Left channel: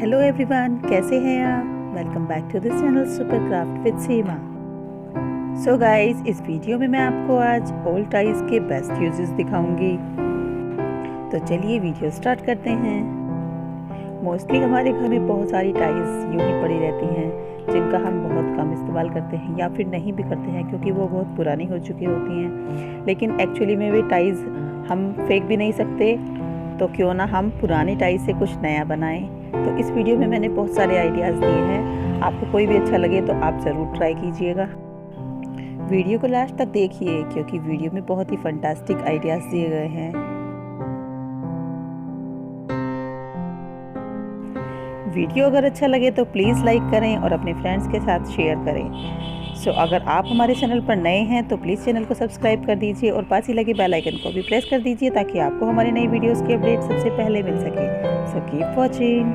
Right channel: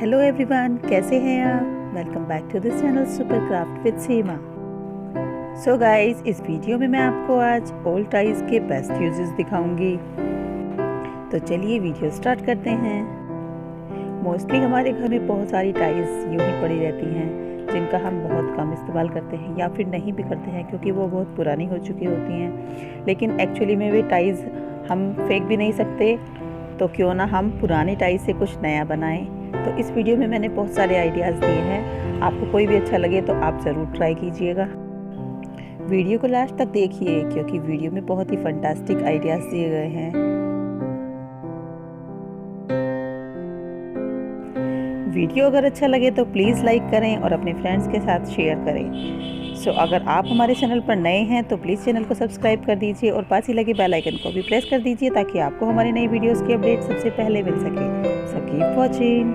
Hello everyone, कैसे हैं आप। Welcome back to this channel super craft with Seema. So guys, इस वीडियो में मैं आपको आज ओल्ड टाइज के बेस्ट यूजेस दिखाऊंगी। तो चलिए वीडियो स्टार्ट करते हैं। मोस्टली हमारे घर में बहुत सारी टाइज यूं ही पड़ी रहती हैं जिनका हम बहुत कम इस्तेमाल करते हैं या फिर नहीं भी करते हैं क्योंकि वो बहुत पुरानी हो चुकी होती हैं। लेकिन एक्चुअली में वे टाइज हम फेंक भी नहीं सकते, तो क्यों ना हम पुरानी टाइज से कुछ नया बनाएं। तो इस वीडियो में मैंने बहुत सारे आइडियाज़ दिए हैं, आपको कोई भी अच्छा लगे तो आप ज़रूर ट्राई कीजिएगा। वीडियो को लास्ट तक देखिए क्योंकि वीडियो में बहुत ही फंटास्टिक आइडियाज़ दिए गए हैं। वीडियो अगर अच्छा लगे तो प्लीज़ लाइक करें और अपने फ्रेंड्स के साथ शेयर करें। सो अगर आप हमारे चैनल पर नए हैं तो प्लीज़ चैनल को सब्सक्राइब कर दीजिए और पास ही लगे बेल आइकन को भी प्रेस कर दीजिए ताकि आपको हमारी नई वीडियोस की अपडेट सबसे पहले मिल सके। So keep watching.